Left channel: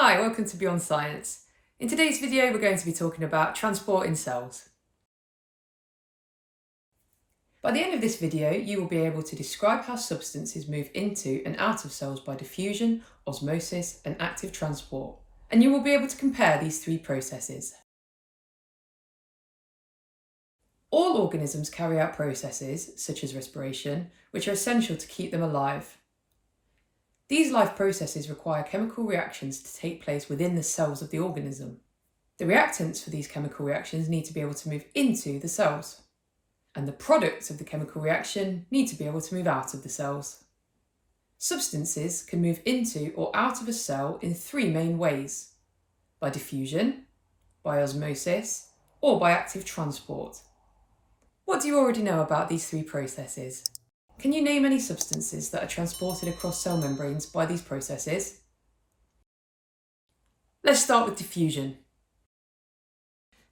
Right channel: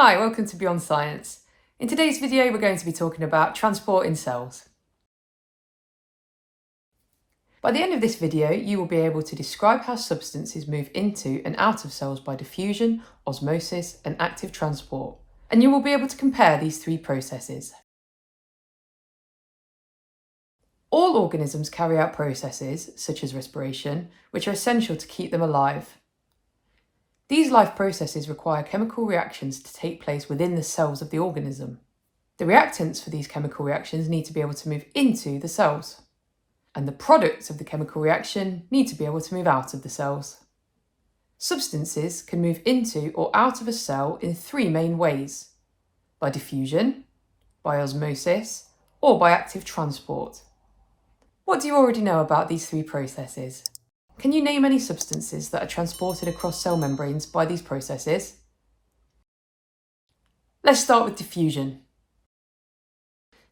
Hi, welcome to Beyond Science. In today's video, we're going to be talking about transport in cells. By the end of this video, you will be able to describe how substances move into and out of cells by diffusion, osmosis, and active transport. And you will be able to compare these three processes. All organisms carry out processes, such as respiration, which are essential to keep them alive. These life processes require chemical reactions to take place within the cells of the organism. The reactants for these chemical reactions need to be able to move into the cells, and the products of the chemical reaction need to be able to move out of the cells. Substances can move into or out of a cell in three main ways: by diffusion, by osmosis, or by active transport. What do you already know about these three processes? Can you name any substances that are transported across cell membranes by these processes? Let's start with diffusion.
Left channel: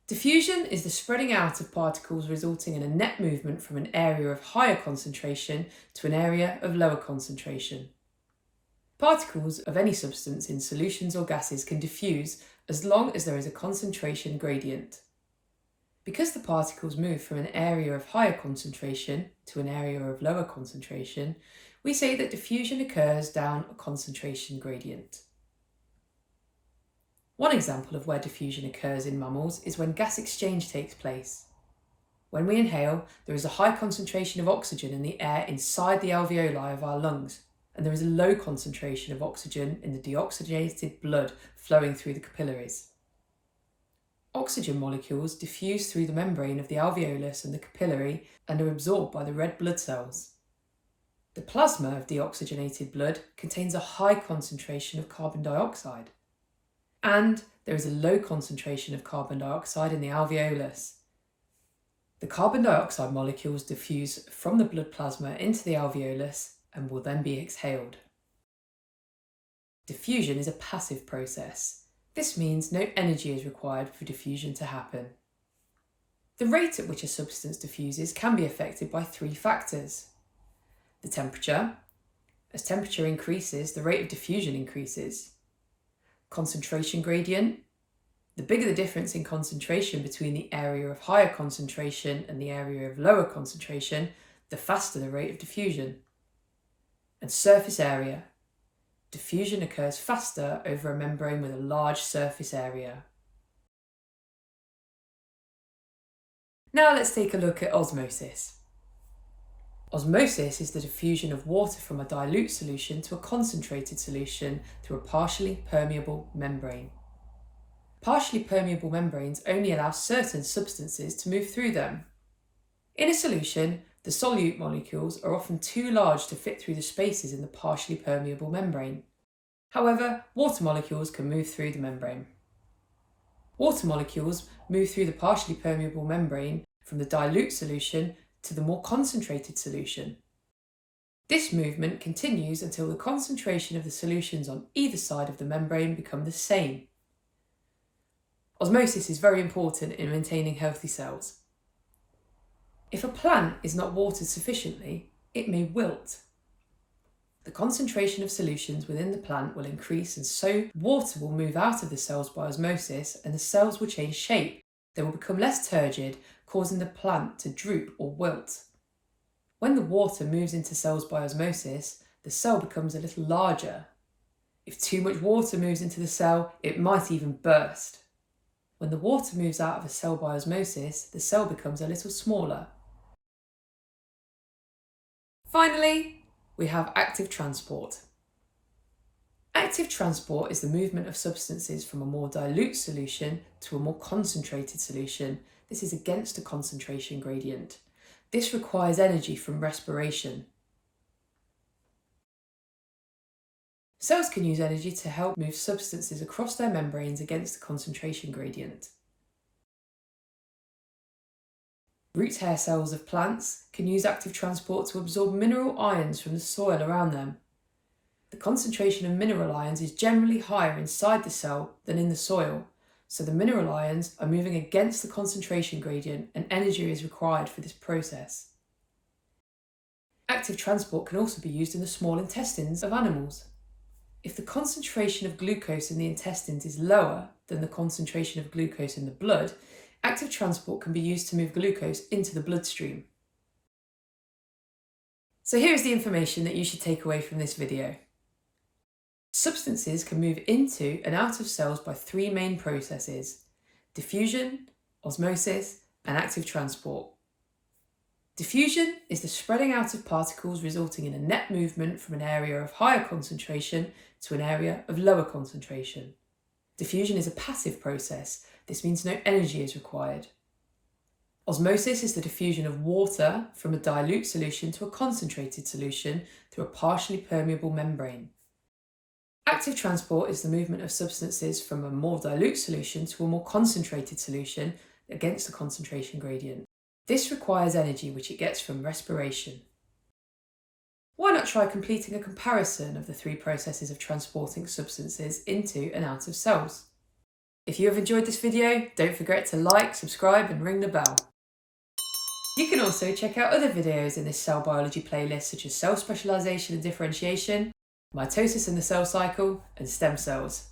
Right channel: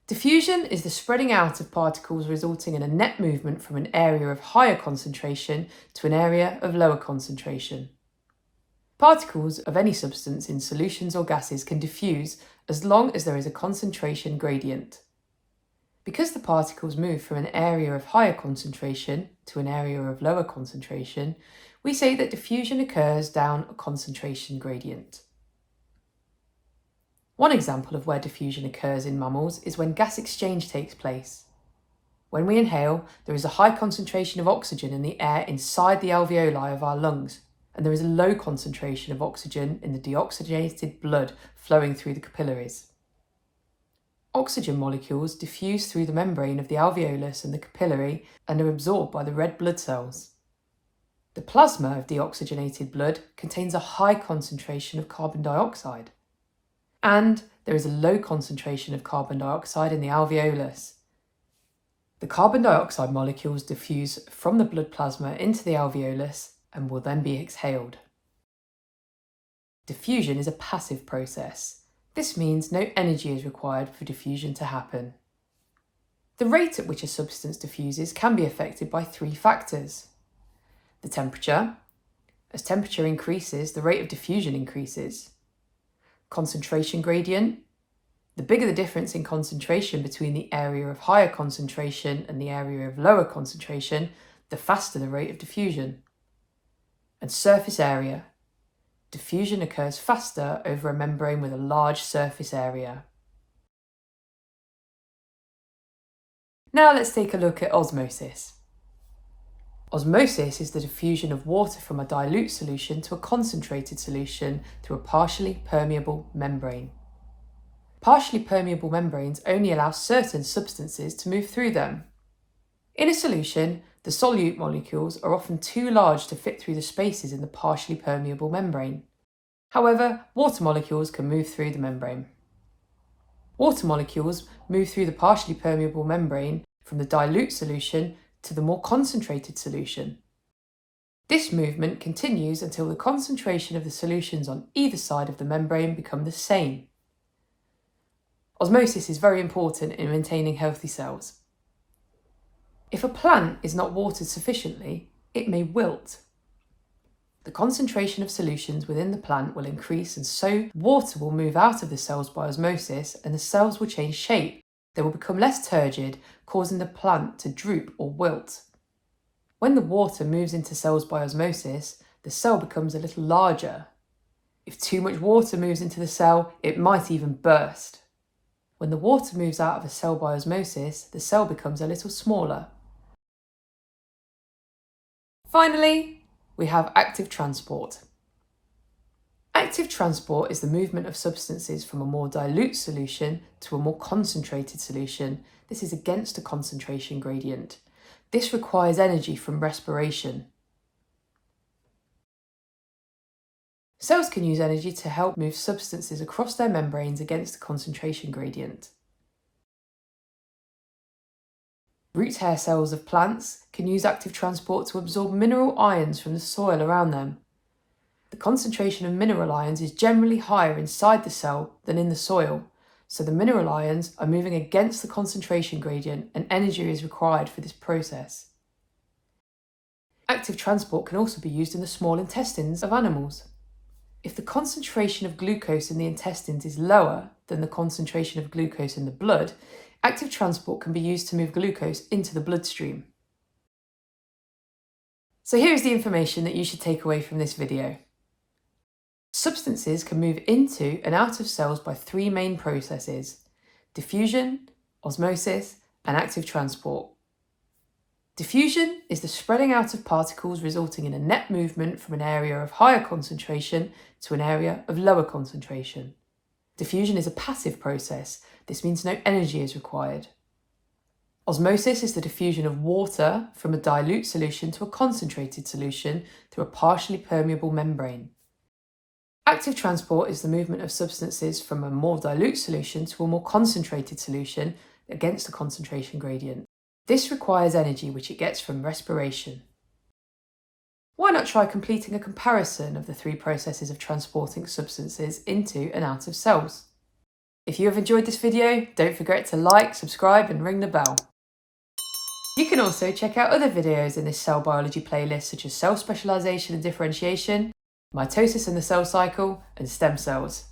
Diffusion is the spreading out of particles resulting in a net movement from an area of higher concentration to an area of lower concentration. Particles of any substance in solutions or gases can diffuse as long as there is a concentration gradient. Because the particles move from an area of higher concentration to an area of lower concentration, we say that diffusion occurs down a concentration gradient. One example of where diffusion occurs in mammals is when gas exchange takes place. When we inhale, there is a high concentration of oxygen in the air inside the alveoli of our lungs, and there is a low concentration of oxygen in the deoxygenated blood flowing through the capillaries. Oxygen molecules diffuse through the membrane of the alveolus and the capillary and are absorbed by the red blood cells. The plasma of deoxygenated blood contains a high concentration of carbon dioxide, and there is a low concentration of carbon dioxide in the alveolus. The carbon dioxide molecules diffuse from the blood plasma into the alveolus and will then be exhaled. Diffusion is a passive process. This means no energy is required for diffusion to happen. The rate at which a substance diffuses can be affected by three factors: the temperature. As temperature increases, the rate of diffusion increases. Concentration gradient. The bigger the difference in concentration between the area of higher concentration and the area of lower concentration, the faster the rate of diffusion. And surface area. Diffusion occurs faster over a membrane with a large surface area. Now let's take a look at osmosis. Osmosis is the diffusion of water from a dilute solution to a concentrated solution through a partially permeable membrane. Partially permeable membranes only allow certain substances to move through them. In a solution, the solute molecules are often too large to fit through the spaces in the partially permeable membrane. However, water molecules can move through the membrane. Water molecules move through the partially permeable membrane from the dilute solution to the more concentrated solution. This movement continues until the concentration of the solutions on either side of the membrane become the same. Osmosis is very important in maintaining healthy cells. If a plant is not watered sufficiently, it may wilt. The concentration of solutions within the plant will increase, and so water will move out of the cells by osmosis and the cells will change shape. They will become less turgid, causing the plant to droop or wilt. When the water moves into cells by osmosis, the cell becomes a little larger. If too much water moves into the cell, it might even burst. When the water moves out of a cell by osmosis, the cell becomes a little smaller. Finally, we have active transport. Active transport is the movement of substances from a more dilute solution to a more concentrated solution. This is against a concentration gradient. This requires energy from respiration. Cells can use energy to help move substances across their membranes against the concentration gradient. Root hair cells of plants can use active transport to absorb mineral ions from the soil around them. The concentration of mineral ions is generally higher inside the cell than in the soil, so the mineral ions are moving against the concentration gradient and energy is required for this process. Active transport can also be used in the small intestines of animals. if the concentration of glucose in the intestines is lower than the concentration of glucose in the blood, active transport can be used to move glucose into the bloodstream. So here is the information that you should take away from this video. Substances can move into and out of cells by three main processes: diffusion, osmosis, and active transport. Diffusion is the spreading out of particles resulting in a net movement from an area of higher concentration to an area of lower concentration. Diffusion is a passive process. This means no energy is required. Osmosis is the diffusion of water from a dilute solution to a concentrated solution through a partially permeable membrane. Active transport is the movement of substances from a more dilute solution to a more concentrated solution against a concentration gradient. This requires energy which it gets from respiration. Why not try completing a comparison of the three processes of transporting substances into and out of cells? If you have enjoyed this video, don't forget to like, subscribe and ring the bell. You can also check out other videos in this cell biology playlist such as cell specialisation and differentiation, mitosis in the cell cycle, and stem cells.